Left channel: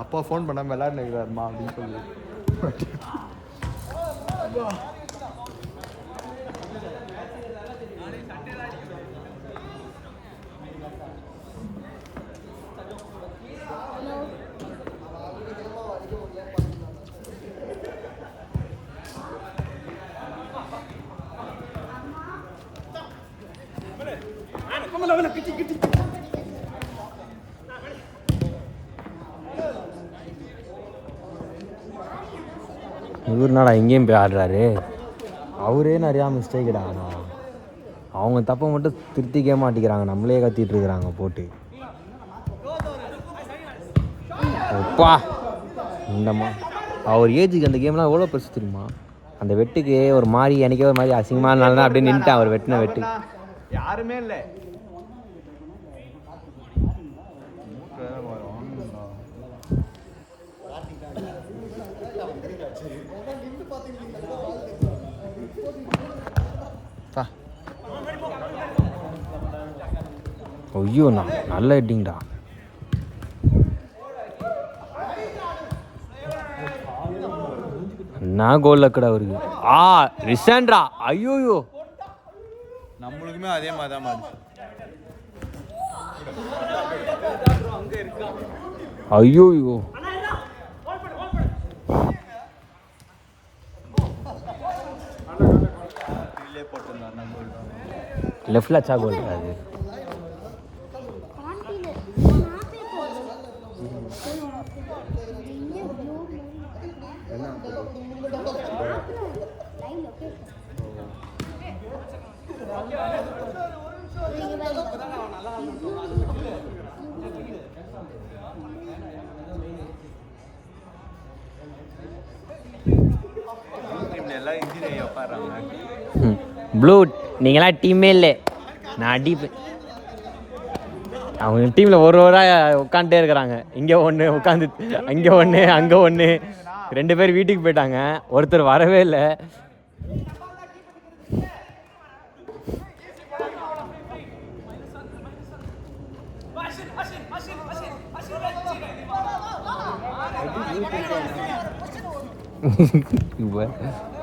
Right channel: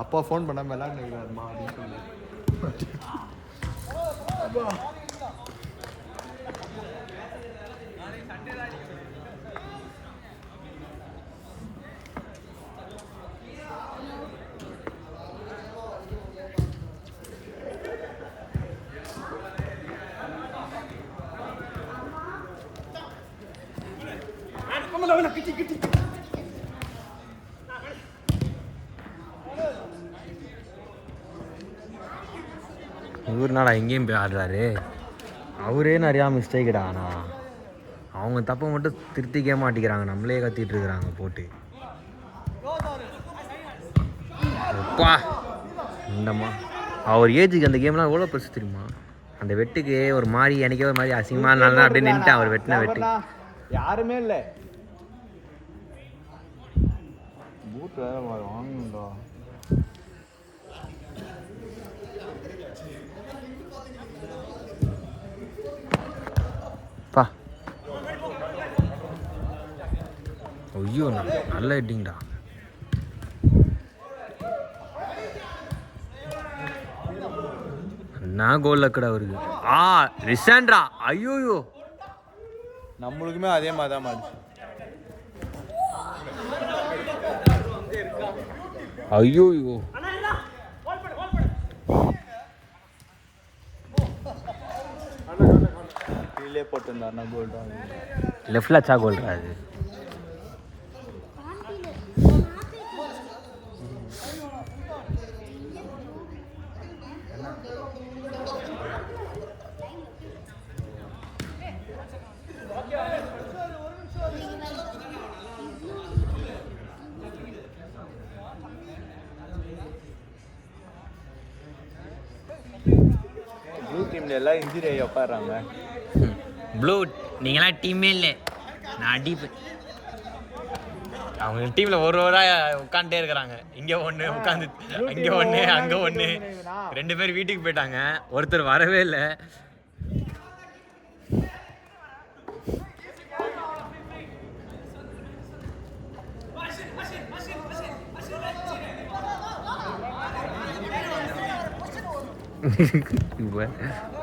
அப்பா ஃபோன் பண்ணாமல் விளையாடுறாருமா அப்படின்னு சொல்லி. இவருனாடா எங்கேயும் போய் ஆடுறாரு. அவரே நிறையா மிஸ்டேக்கிடா. ஆனால் அவங்க தப்பை மட்டும் திருத்திக்க மாட்டேங்கிறாங்க, நம்மளே கத்திட்டு இருக்கிறாங்க போட்டு. அப்பா இந்தம்மா அவர் ஏஜுக்கு அந்த கேம்லாம் எவ்வளோ பெருசு தெரியுமா? அந்த வெட்டுக்கு ஒரு மாதிரி எனக்கே ஒரு மாதிரி அசிங்கமாக இருந்தாலும் அப்படியே நின்றுட்டான் அவர் வெட்டின வெட்டு. யாருமே இல்லை. பா ஐயோ நல்ல ஹெட்டிங்டா. என்ன கோல் லக்கடா அவருக்கு. ரிசாண்ட்ரா ஐயோயோ. நம்மளுக்குமே அதே மாதிரி தான் மாதிரி. ஐயோயோ லெஃப்ட்ல அச்சா கோல் அது. ப்ளூ நீங்களாம் டீமே இல்லை, நான் அடிப்பேன். அவங்க டீமில் ஒரு உட்காந்துட்டே இருக்கிறாங்க. இங்கே ஒன்று உட்காந்து, அங்கே ஒன்று, அங்கே ஒன்று. 2 பேர் வீட்டுக்கு போயிட்டாங்க, ஒருத்தர் வரவே இல்லை.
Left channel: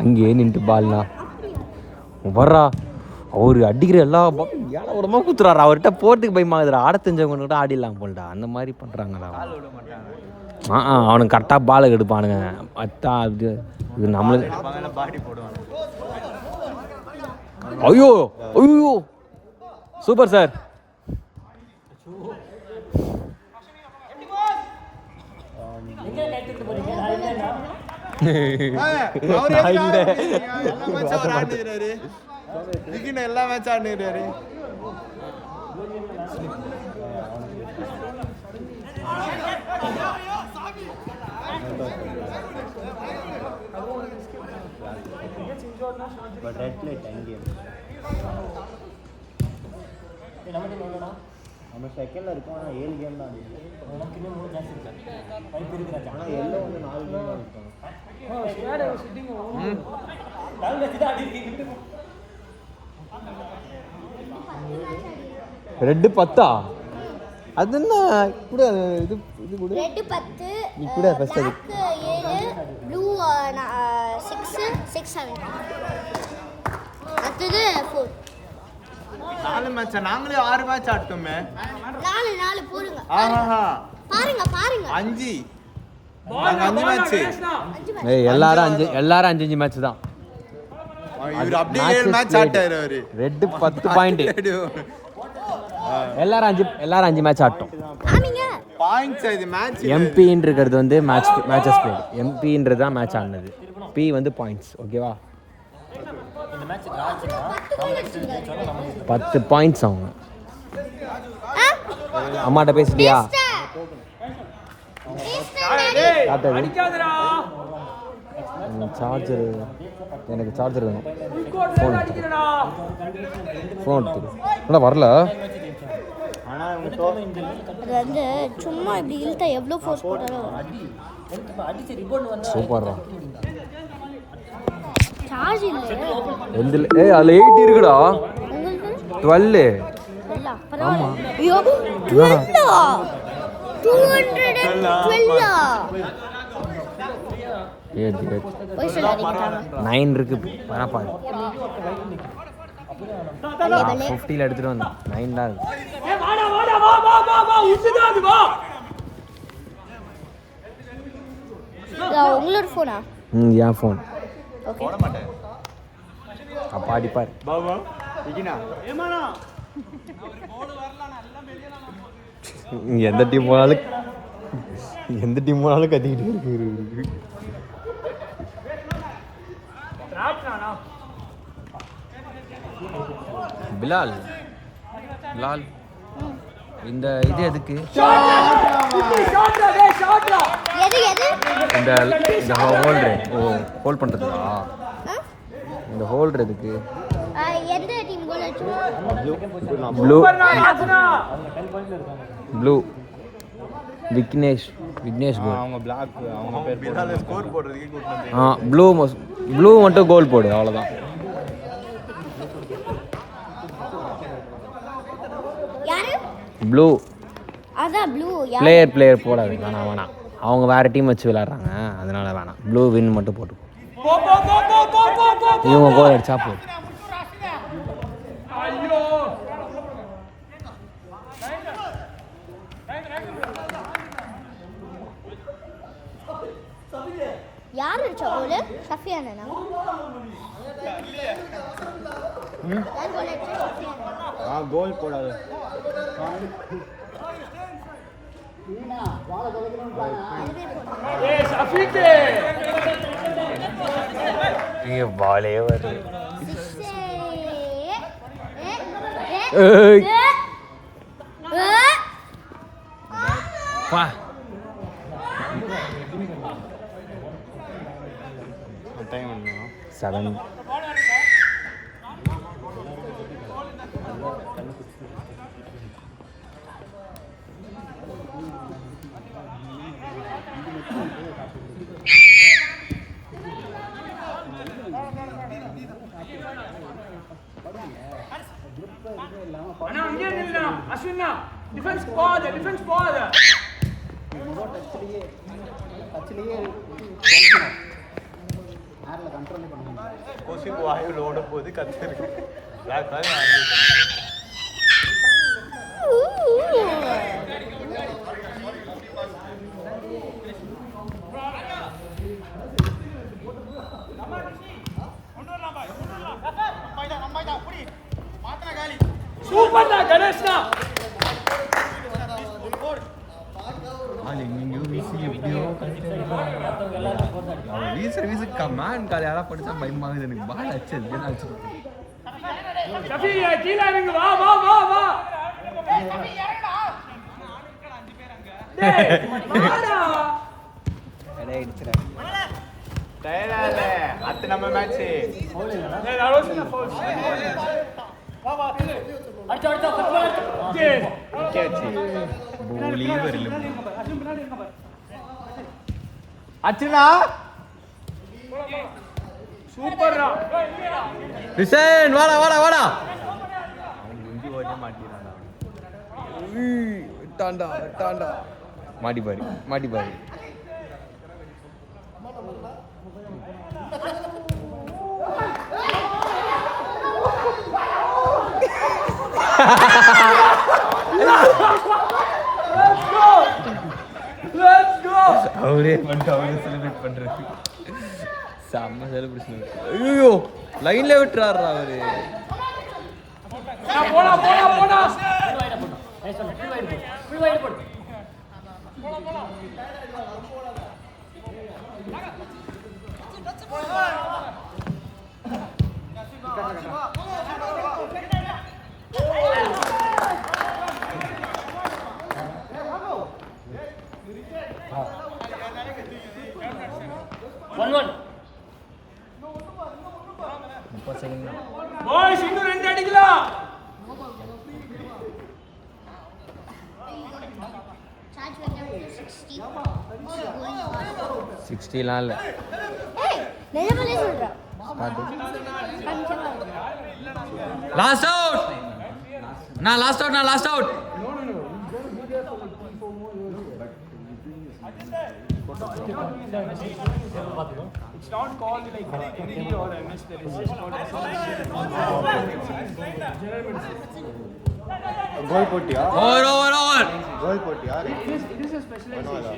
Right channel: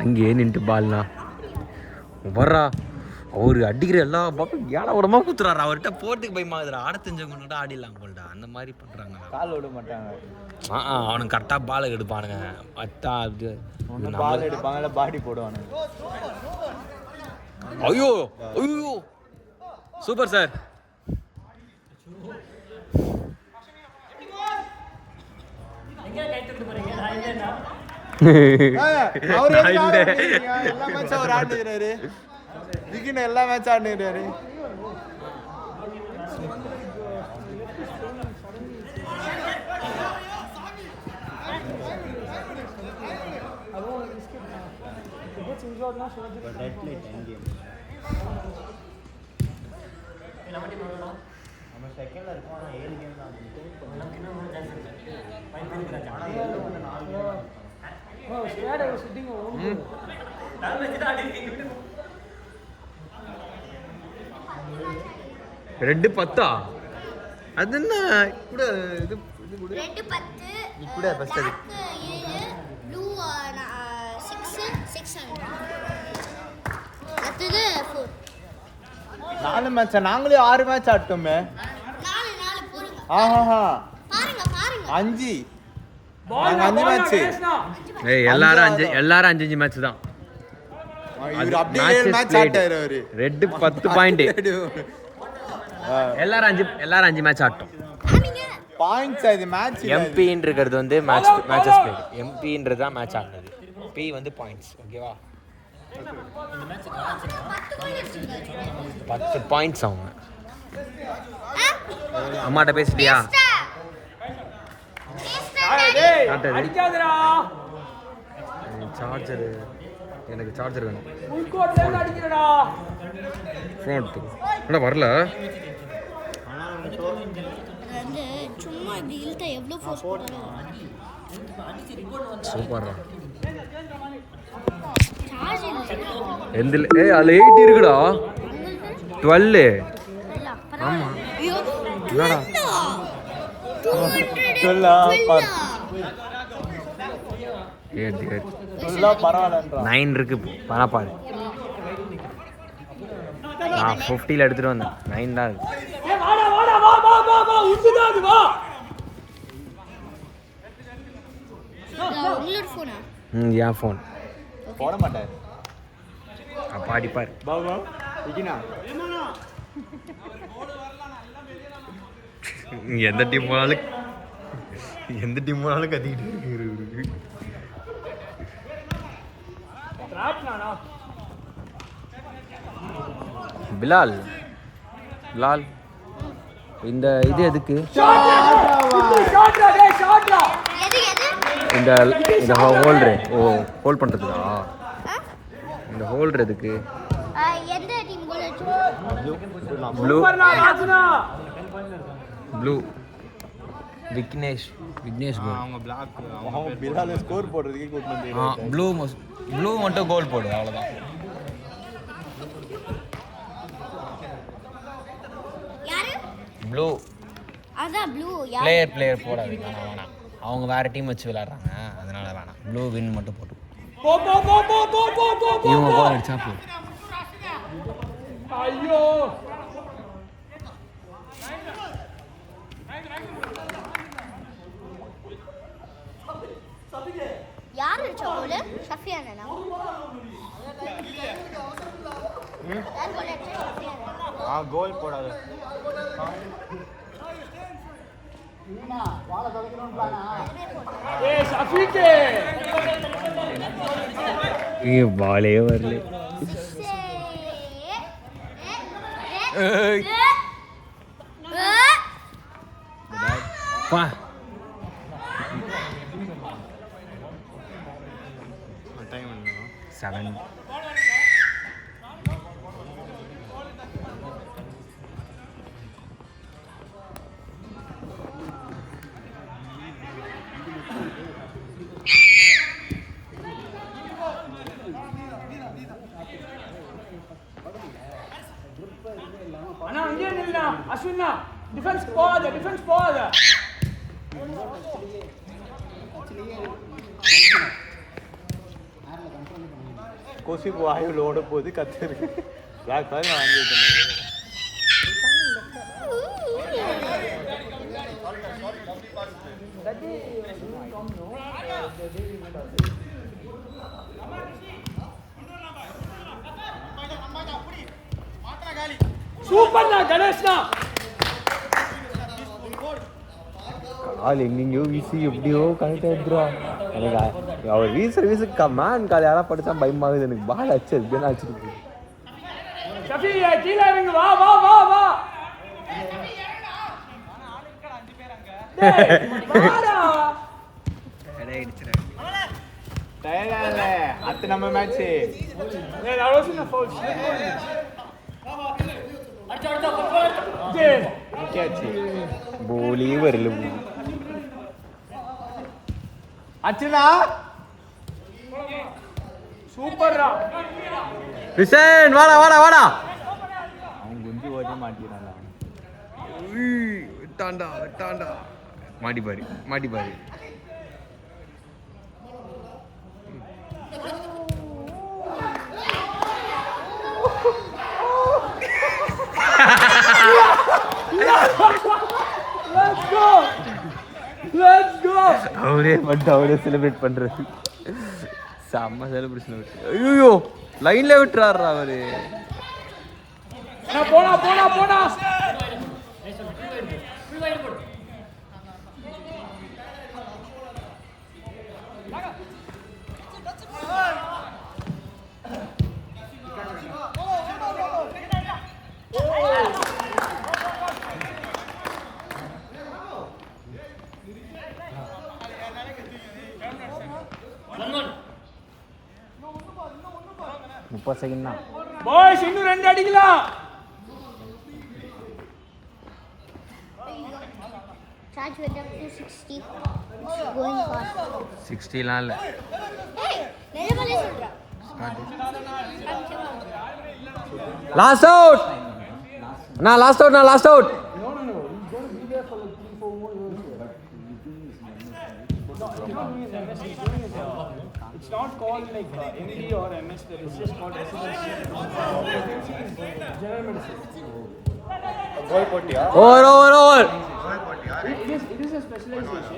அங்கேயே நின்றுட்டு பால்னா வர்றா. அவர் அடிக்கிற எல்லா பாலும் ஏழாவிடமா குத்துறாரு. அவர்கிட்ட போட்டுக்கு பயமாகுதுடா. ஆட தெரிஞ்சவங்க கூட ஆடிடலாம் போல்டா, அந்த மாதிரி பண்ணுறாங்கடா. அவனுக்கு கரெக்டாக பாலை எடுப்பானுங்க. அத்தா இது நம்மளுக்கு. ஐயோ ஐயோ சூப்பர் சார். எல்லா மேட்ச் ஆடுறாரு. நம்ம செகண்ட்ல இருக்கோம். 7 கேம் தான். ரெட் 10 அது என்ன கூட இது இது கூட ரெட் 10 நீ கூட ஃபர்ஸ்ட் அது 7 ப்ளூ 6 7 அடுத்து 4 4 மேட்ச். நாங்களே 6 மேட்ச் ஆட்டோமே. 4 போடுங்க. பாருங்க 5 மேட்ச். ஏய் எல்லாரும் 5 மேட்ச் தான். இவர் அப்படியே 7 மேட்ச் ஆட்டாரு. அவரு ரெட் 10 பாயிண்ட். எல்லாரும் 5 மேட்ச் ஆட்டோம். பாயிண்ட்ஸ் அது மேட்ச். எம்பின்னு இருக்கிறது வந்து மேட்சஸ் பேர். எம்பின்றது தான் மேட்ச் ஆடுனது. பி வந்து பாயிண்ட்ஸ். ஓகேவா? இந்த மேட்ச் ராஜ்னா 10 பாயிண்ட்ஸ் அவங்க. அம்மாட்ட பேசிட்டியா? அடிக்காதடா. சார்ஜர் எனக்கு சார்ஜர் வேணும். ஃபோன் எடுத்து என்ன வரல. அது வந்து சும்மா இப்படி இழுத்தா எவ்வளோ ஃபோர்ஸ் போட்டாலும் சூப்பர்ரா. சார்ஜ் இல்லை எந்தில் அதில் 8 இருக்குடா. 12 ஆமாம். எடுத்து 9 இருக்கு பரப்பாரு. 50ல எடுத்துட்டு வந்தேன். 9 தான் இருக்கு. உங்களோட போனா? என் ஃபோன். போட மாட்டேன். அப்பா அடிப்பார். பாபா இகினா எந்த டீம் போனாலும் கத்திக்கிட்டு இருக்கு. பிலால் இந்த இது எதுக்கு? இந்த இந்த ஹோல்டர் ஹோல்ட் பண்ணுறதுக்கா? இந்த ஹோல்டர் எதுக்கு? எந்த டீம் கோல் அடிச்சோம்? ப்ளூ விக்னேஷ் கோல். அவங்க பிளாக் அவங்க பேர் பிலால ஸ்கோர் போடுறதுக்கே கூப்பிட்டு ப்ளூ மட்டும் கோல் போடு, அவ்வளோதான். யாரு? ப்ளூ. அதான் ப்ளூ. பிளேயர் போடாது. வேணாம். அவங்க வேற டீம் வச்சு விளையாடுறாங்க, அதனால வேணாம். ப்ளூ வின் மட்டும் போட்டு இவங்க கோல் அடிச்சா போடு. ஐயோ யார் அடிச்சா கோல்? ஷஃபியானா? கோல் போடாது. ஷஃபீக்கே பாலே பா. டைம் 7. அண்ணா இங்கே நில்லுண்ணா. அஸ்வின்னா டிஃபென்ஸ் போகாத. கொசி வாயுல ஓட போது கத்து இருக்கு. சூப்பர்ண்ணா கணேஷ்ண்ணா. கால் எங்கெங்கயோ வீசி எப்படியோ கரெக்டாக எடுத்துருவாங்க. எனக்கு அவர் வீசுக்கு மேன் கால் யாராவது படித்தா பயமாகுது எனக்கு. பால் அடிச்சது என்ன அடிச்சிருக்கு. ஷஃபி கீழே இறங்கு. வா நம்ம மேட்ச் போலி வரல. அச்சுனா சூப்பர்ரா. ரிஷன் வாடா. விட்டாண்டா. மாடி பாரு. அவரே செலிப்ரேட் பண்றது. செம்ம செலிப்ரேஷன். ஐயோ லைன்ல விட்டுறாரு அவரு. முப்பது செகண்ட் தான். பாய்ஸ் இன்னும் 2 அடிக்கலாம். சார்ஜ் வந்து 60 60லாம் இல்லை. நிஜமாலே சொல்றேன். Last out. நான் last out. It's not called like MD or MS. It's just called general medicine. கோல் போட்டியா ஓவர் ஓவர் ஓவர் கோல் போட்டியா It is a specialization.